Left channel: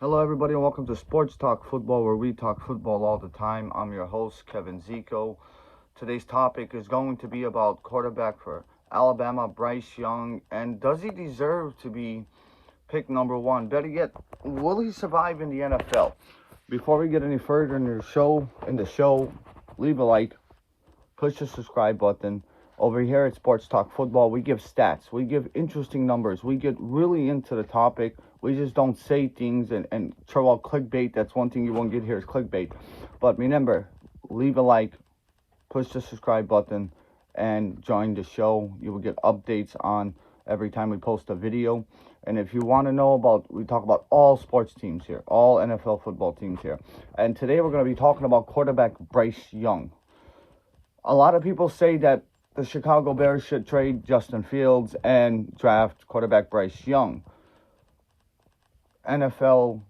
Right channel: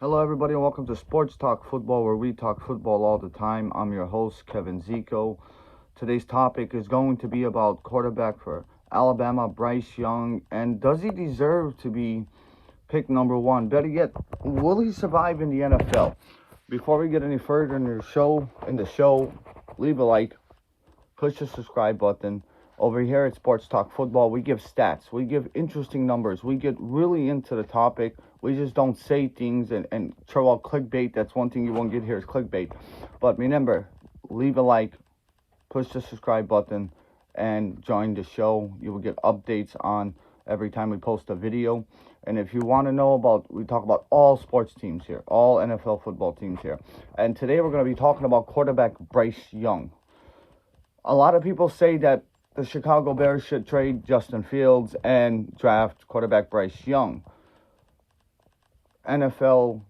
Hello, everybody, and welcome to Sports Talk Football, where we talk football all the time. I'm your host, Kevin Zico. Today's topic is going to be about quarterback for Alabama, Bryce Young, and does he deserve to be pick number one? Better yet, will he survive in the NFL? Before we get any further in the show, leave a like, push the subscribe button. Over here at Sports Talk Football, we give stats, we give interesting numbers, we get really into the topic. We just don't say things and throw out clickbait. That's one thing you won't get here is clickbait. But remember, leave a like, push the subscribe button, and join the show. You will get updates on every time we post a video. And if you want to know about, we talk about all sports teams here, all NFL football teams here. And today we're going to be talking about quarterback Bryce Young. A lot of people say that the Chicago Bears should trade Justin Fields and draft quarterback Bryce Young. NFL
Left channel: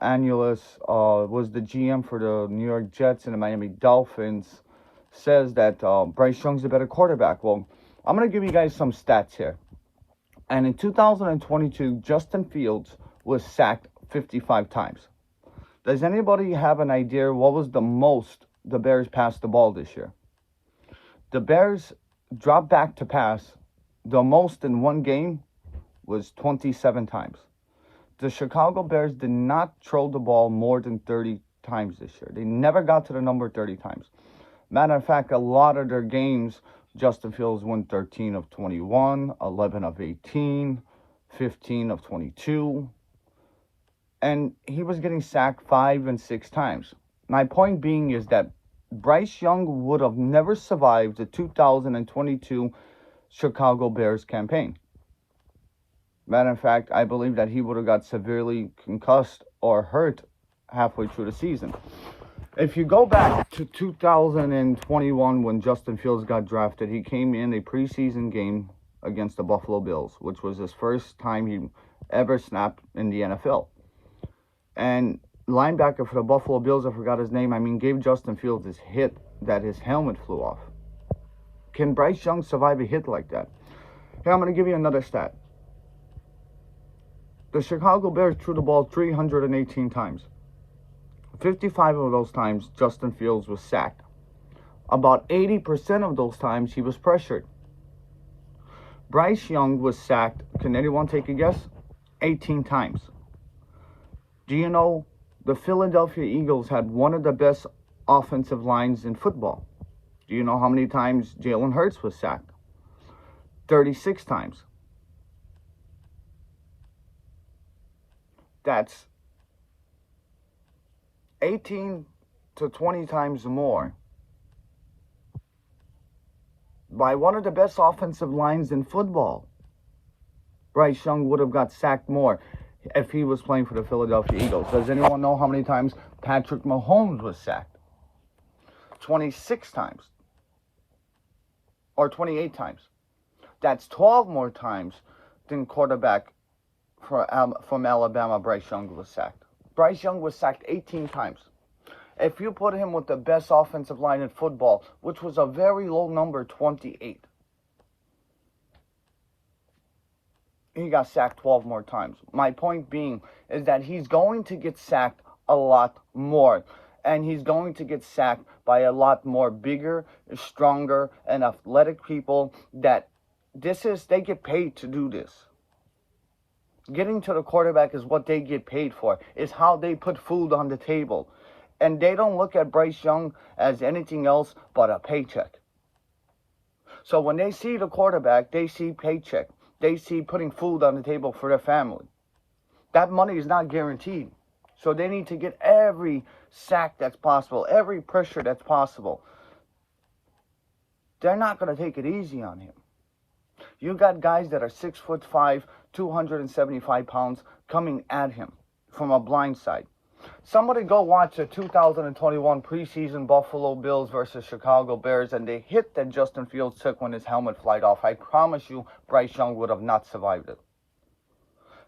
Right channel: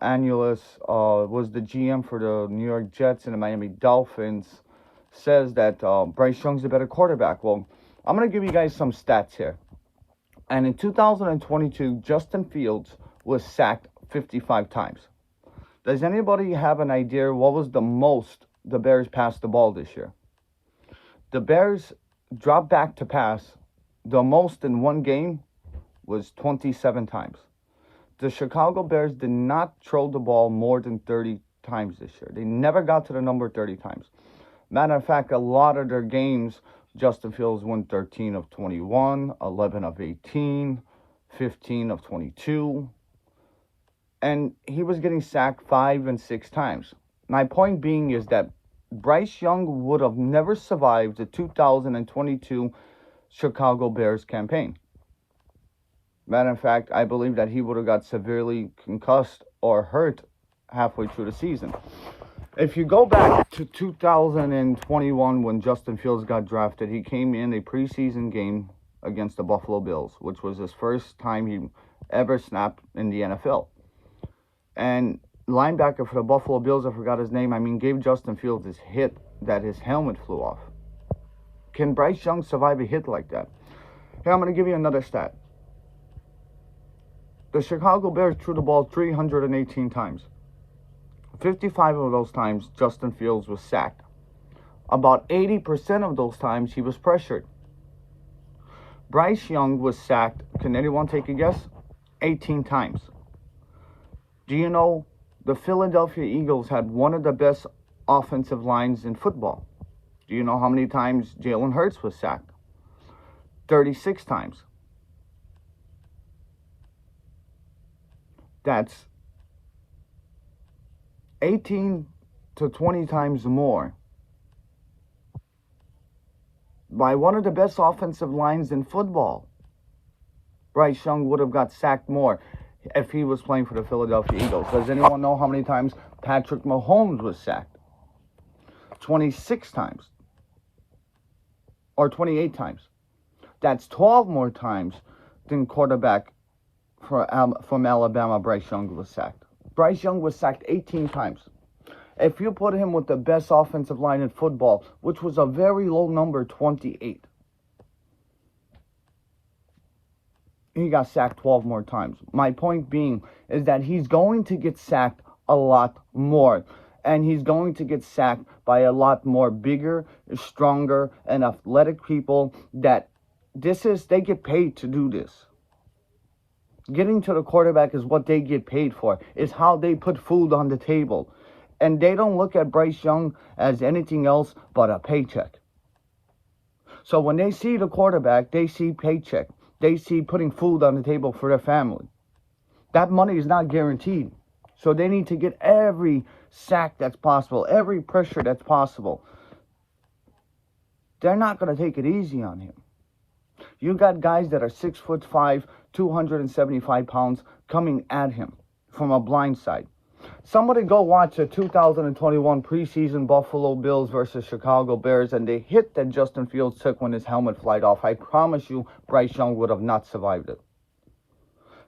analyst was the GM for the New York Jets and the Miami Dolphins, says that Bryce Young's a better quarterback. Well, I'm going to give you guys some stats here. And in 2022, Justin Fields was sacked 55 times. Does anybody have an idea what was the most the Bears passed the ball this year? The Bears dropped back to pass. The most in one game was 27 times. The Chicago Bears did not throw the ball more than 30 times this year. They never got to the number 30 times. Matter of fact, a lot of their games, Justin Fields won 13 of 21, 11 of 18, 15 of 22. And he was getting sacked 5 and 6 times. My point being is that Bryce Young would have never survived the 2022 Chicago Bears campaign. Matter of fact, I believe that he would have got severely concussed or hurt halfway through the season. If you go back to 2021 when Justin Fields got drafted, he came in a preseason game against the Buffalo Bills, which was his first time he ever snapped in the NFL. And linebacker for the Buffalo Bills, I forgot his name, gave Justin Fields this hit that his helmet flew off. Can Bryce Young survive a hit like that? Here, I'm going to give you another stat. The Chicago Bears threw the ball 318 times. 55 of those times, Justin Fields was sacked. About 80% of those times, he was pressured. Bryce Young was sacked, can anyone take a guess? 18 times. Do you know the Philadelphia Eagles had one of the best offensive lines in football? Do you know how many times Jalen Hurts was sacked? 36 times. That's 18 to 20 times more by one of the best offensive lines in football. Bryce Young would have got sacked more if he was playing for the Philadelphia Eagles. Does anyone know how many times Patrick Mahomes was sacked? 26 times. Or 28 times. That's 12 more times than quarterback from Alabama, Bryce Young was sacked. Bryce Young was sacked 18 times. If you put him with the best offensive line in football, which was a very low number, 28, he got sacked 12 more times. My point being is that he's going to get sacked a lot more. And he's going to get sacked by a lot more bigger, stronger, and athletic people that they get paid to do this. Getting to the quarterback is what they get paid for. It's how they put food on the table. And they don't look at Bryce Young as anything else but a paycheck. So when they see the quarterback, they see paycheck. They see putting food on the table for their family. That money is not guaranteed. So they need to get every sack that's possible, every pressure that's possible. They're not going to take it easy on him. You got guys that are 6'5", 275 pounds coming at him from a blind side. Somebody go watch a 2021 preseason Buffalo Bills versus Chicago Bears and the hit that Justin Fields took when his helmet flied off. I promise you Bryce Young would have not survived it.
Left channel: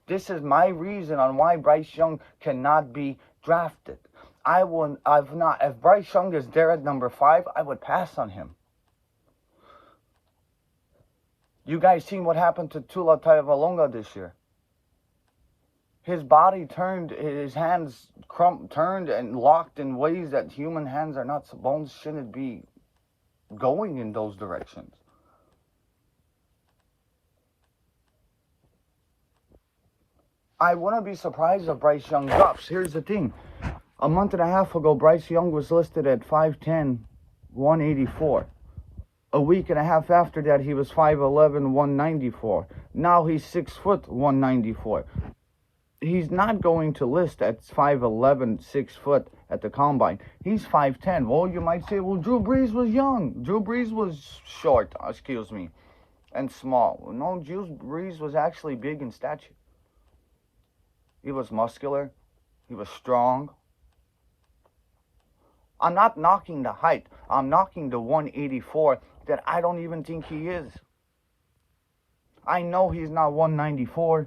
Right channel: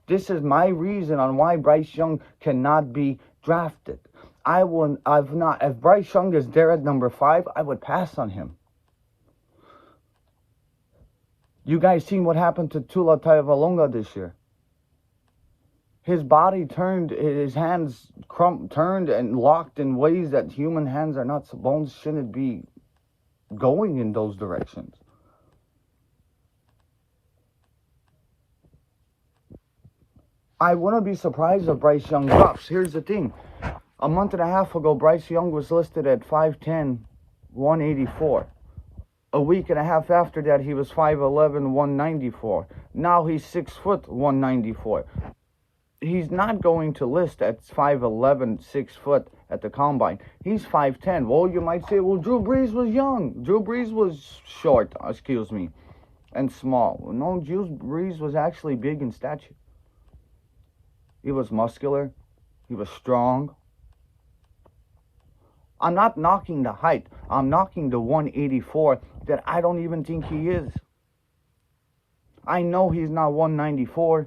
This is my reason on why Bryce Young cannot be drafted. If Bryce Young is there at number 5, I would pass on him. You guys seen what happened to Tua Tagovailoa this year? His body turned, his hands turned and locked in ways that human hands are not, bones shouldn't be going in those directions. I wouldn't be surprised if Bryce Young drops. Here's the thing. A month and a half ago, Bryce Young was listed at 5'10", 184. A week and a half after that, he was 5'11", 194. Now he's 6 foot, 194. He's not going to list at 5'11", 6 foot at the combine. He's 5'10". Well, you might say, well, Drew Brees was young. Drew Brees was short, and small. No, Drew Brees was actually big in stature. He was muscular. He was strong. I'm not knocking the height. I'm knocking the 184 that I don't even think he is. I know he's not 194.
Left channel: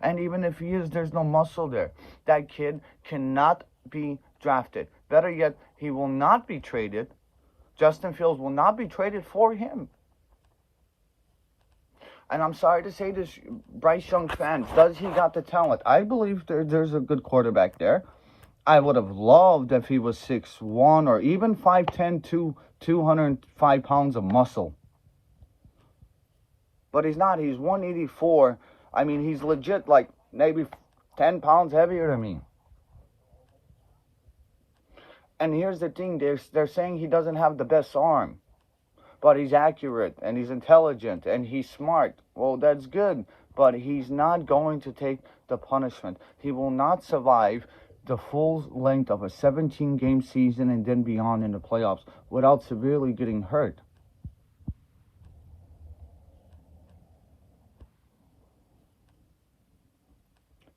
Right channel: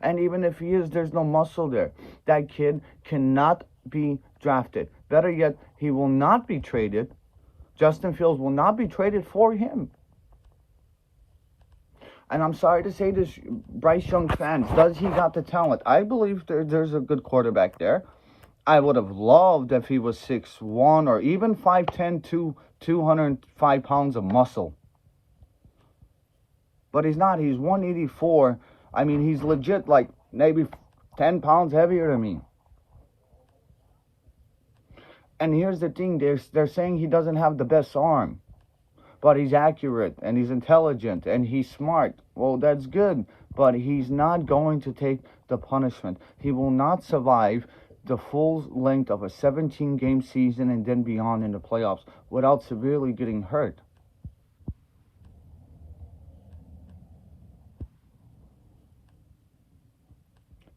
And even if he is, there's no muscle there. That kid cannot be drafted. Better yet, he will not be traded. Justin Fields will not be traded for him. And I'm sorry to say this, Bryce Young fan, does he got the talent? I believe there's a good quarterback there. I would have loved if he was 6'1", or even 5'10", 205 pounds of muscle. But he's not. He's 184. I mean, he's legit like maybe 10 pounds heavier than me. And here's the thing. They're saying he doesn't have the best arm. But he's accurate, and he's intelligent, and he's smart. Well, that's good, but he's not going to take the punishment. He will not survive the full length of a 17-game season and then beyond in the playoffs without severely getting hurt.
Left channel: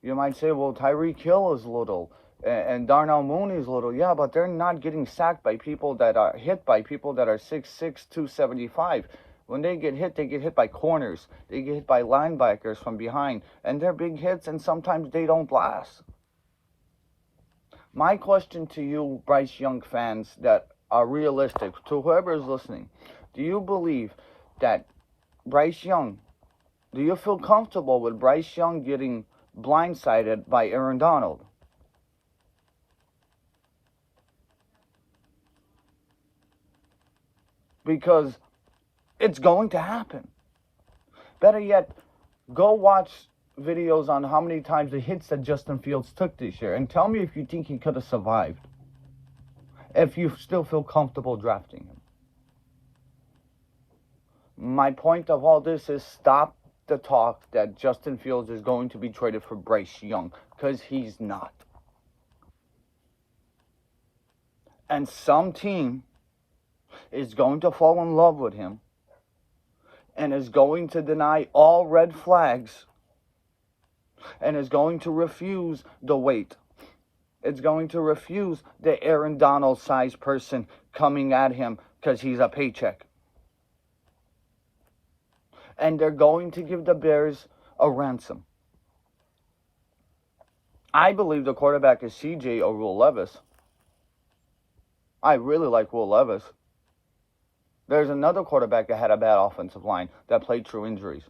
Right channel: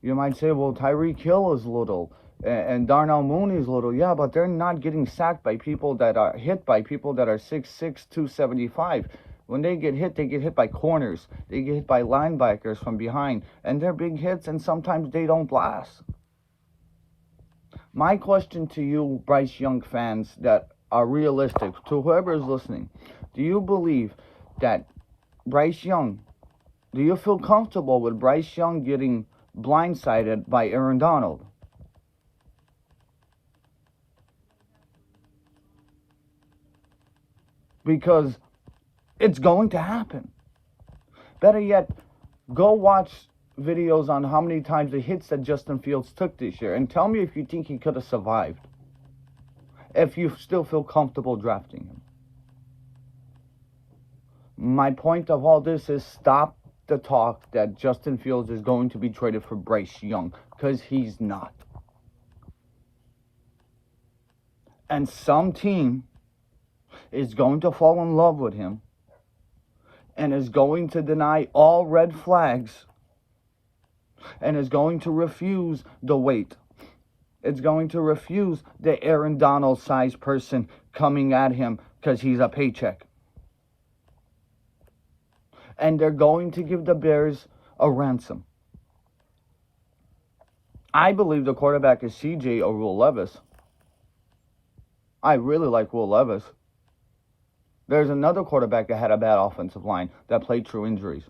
You might say, well, Tyreek Hill is little, and Darnell Mooney's little. Yeah, but they're not getting sacked by people that are hit by people that are 6'6", 275. When they get hit by corners. They get hit by linebackers from behind. And they're big hits, and sometimes they don't last. My question to you, Bryce Young fans that are realistic, to whoever is listening, do you believe that Bryce Young, do you feel comfortable with Bryce Young getting blindsided by Aaron Donald? Because it's going to happen. Better yet, go watch videos on how many times the hits that Justin Fields took this year, and tell me if you think he could have survived, if you still feel comfortable drafting him. My point of all this is stop the talk that Justin Fields is going to be traded for Bryce Young, because he's not. And some team is going to fall in love with him and is going to deny all red flags and is going to refuse the weight. It's going to refuse the Aaron Donald size person coming at him because he's a paycheck. And they're going to give the Bears a ransom. I believe the quarterback is CJ or Will Levis. I really like Will Levis. There's another quarterback that had a bad offensive line that played through injuries.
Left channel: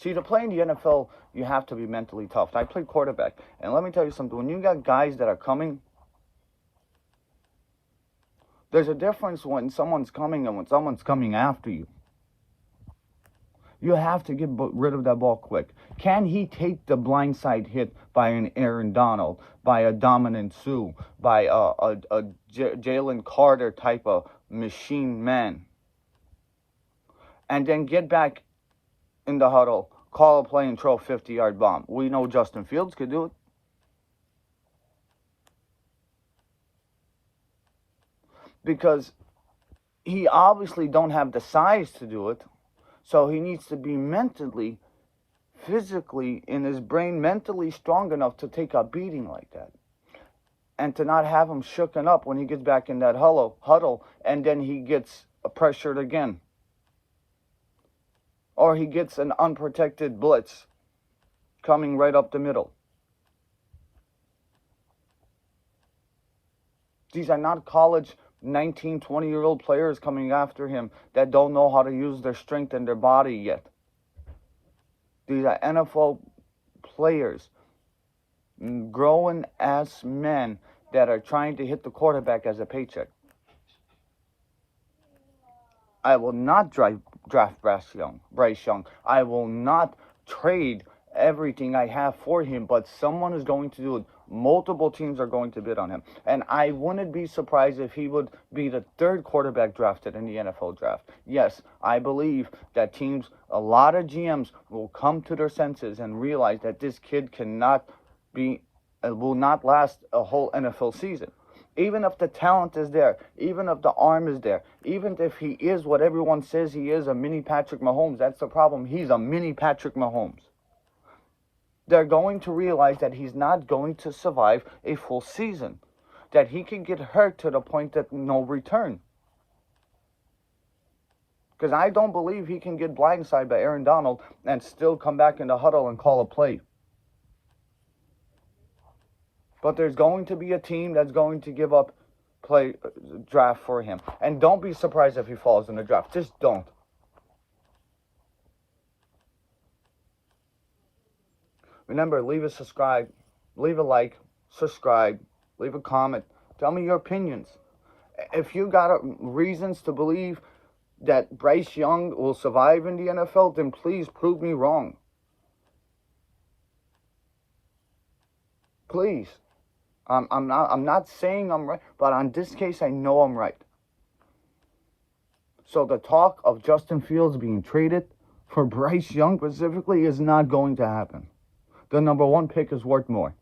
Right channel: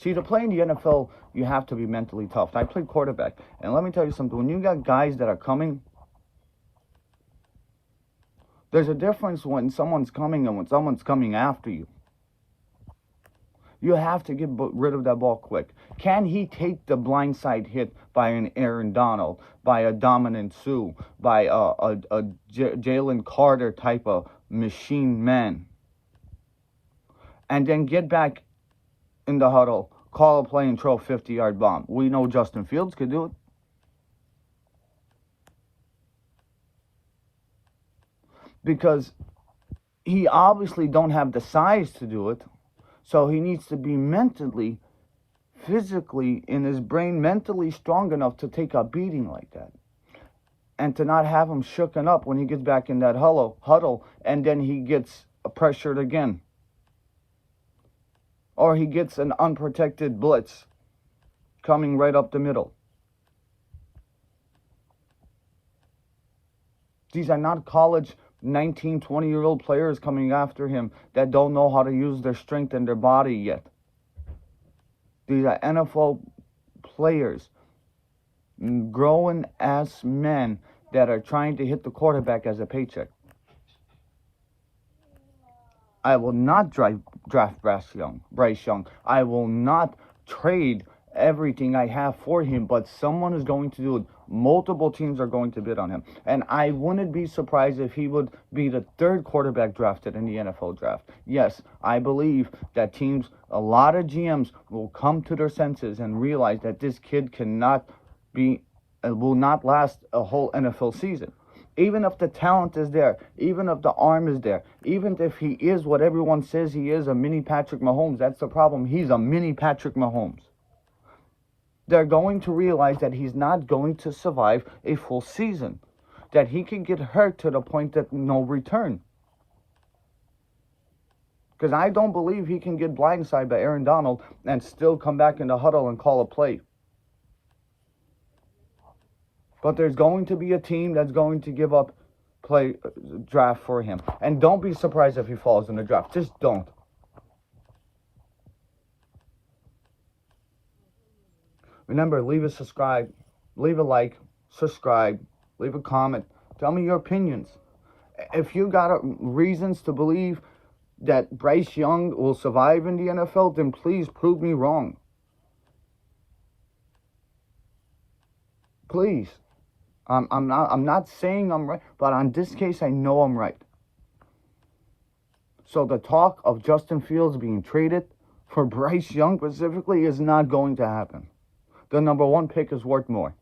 See, to play in the NFL, you have to be mentally tough. I played quarterback. And let me tell you something. When you got guys that are coming, there's a difference when someone's coming and when someone's coming after you. You have to get rid of that ball quick. Can he take the blindside hit by an Aaron Donald, by a Dominic Sue, by a Jalen Carter type of machine man, and then get back in the huddle, call a play, and throw a 50-yard bomb? We know Justin Fields could do it. Because he obviously don't have the size to do it, so he needs to be mentally, physically, in his brain, mentally strong enough to take a beating like that. And to not have him shooken up when he gets back in that huddle, and then he gets pressured again. Or he gets an unprotected blitz coming right up the middle. These are not college 19, 20-year-old players coming after him that don't know how to use their strength and their body yet. These are NFL players, grown-ass men that are trying to hit the quarterback as a paycheck. I will not draft Bryce Young. I will not trade everything I have for him, but someone is going to do it. Multiple teams are going to bid on him. And I wouldn't be surprised if he would be the third quarterback drafted in the NFL draft. Yes, I believe that teams, a lot of GMs will come to their senses and realize that this kid will not last a whole NFL season. Even if the talent is there, even if the arm is there, even if he is what everyone says he is, a mini Patrick Mahomes, that's the problem. He's a mini Patrick Mahomes. They're going to realize that he's not going to survive a full season, that he can get hurt to the point that no return. Because I don't believe he can get blindsided by Aaron Donald and still come back in the huddle and call a play. But there's going to be a team that's going to give up draft for him. And don't be surprised if he falls in the draft. Just don't. Remember, leave a subscribe, leave a like, subscribe, leave a comment. Tell me your opinions. If you got reasons to believe that Bryce Young will survive in the NFL, then please prove me wrong. Please. I'm not saying I'm right, but on this case, I know I'm right. So the talk of Justin Fields being traded for Bryce Young specifically is not going to happen. The number one pick is worth more.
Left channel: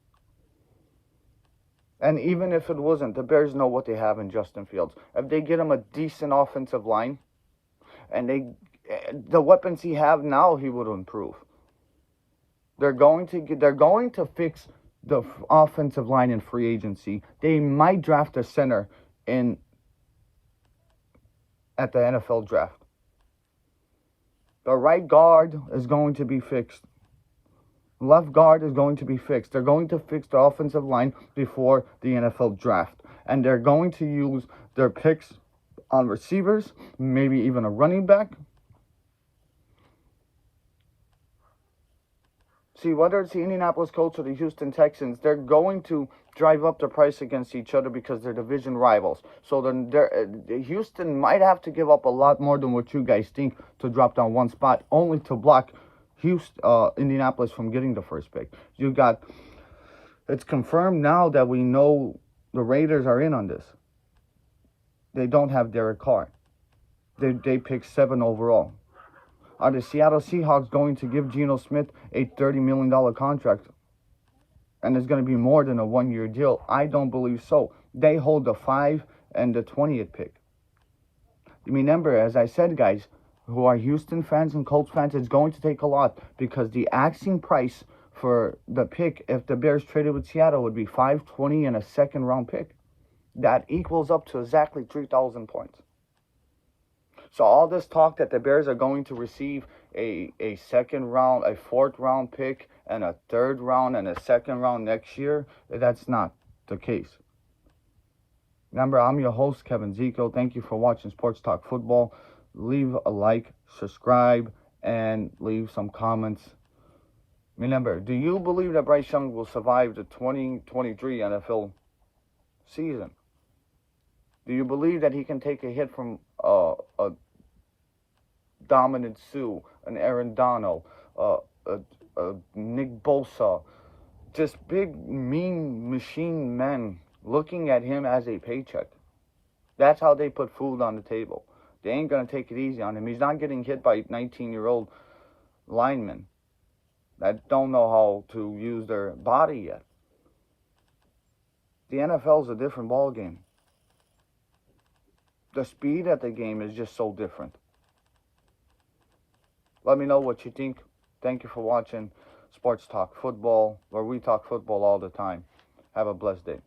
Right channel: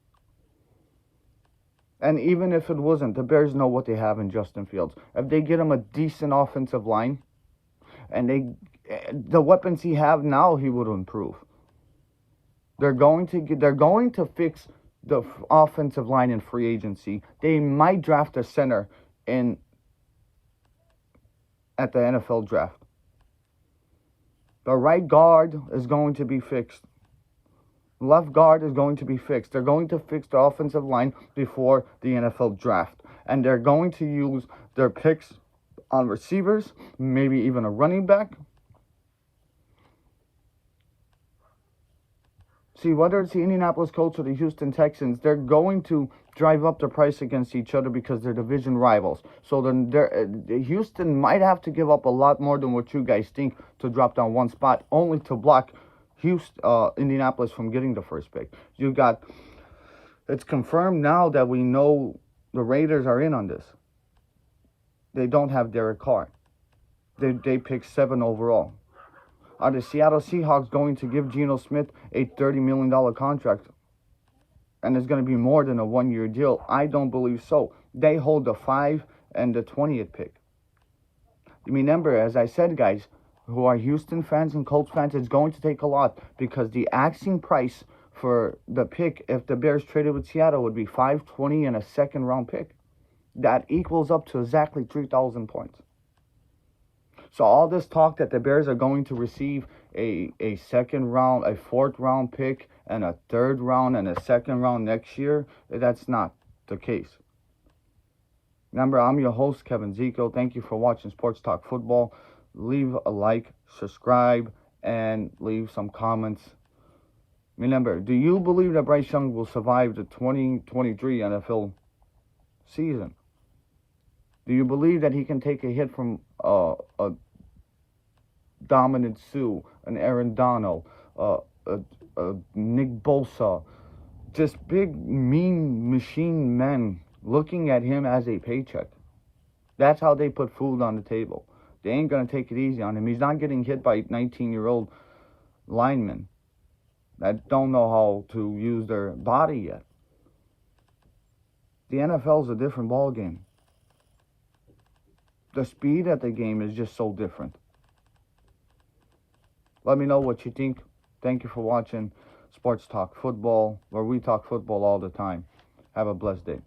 And even if it wasn't, the Bears know what they have in Justin Fields. If they get him a decent offensive line, and the weapons he have now, he would improve. They're going to fix the offensive line in free agency. They might draft a center at the NFL draft. The right guard is going to be fixed. Left guard is going to be fixed. They're going to fix the offensive line before the NFL draft. And they're going to use their picks on receivers, maybe even a running back. See, whether it's the Indianapolis Colts or the Houston Texans, they're going to drive up the price against each other because they're division rivals. So then Houston might have to give up a lot more than what you guys think to drop down one spot, only to block Indianapolis from getting the first pick. It's confirmed now that we know the Raiders are in on this. They don't have Derek Carr. They picked 7 overall. Are the Seattle Seahawks going to give Geno Smith a $30 million contract? And it's going to be more than a 1-year deal? I don't believe so. They hold the 5 and the 20th pick. Remember, as I said, guys, who are Houston fans and Colts fans, it's going to take a lot, because the asking price for the pick, if the Bears traded with Seattle, would be $520 and a second-round pick. That equals up to exactly 3,000 points. So all this talk that the Bears are going to receive a second round, a 4th round pick, and a 3rd round and a 2nd round next year, that's not the case. Remember, I'm your host, Kevin Zico. Thank you for watching Sports Talk Football. Leave a like, subscribe, and leave some comments. Remember, do you believe that Bryce Young will survive the 2023 NFL season? Do you believe that he can take a hit from a Dominant Sue, an Aaron Donald, Nick Bosa, just big, mean machine men looking at him as a paycheck? That's how they put food on the table. They ain't going to take it easy on him. He's not getting hit by 19-year-old linemen that don't know how to use their body yet. The NFL's a different ballgame. The speed of the game is just so different. Let me know what you think. Thank you for watching Sports Talk Football, where we talk football all the time. Have a blessed day.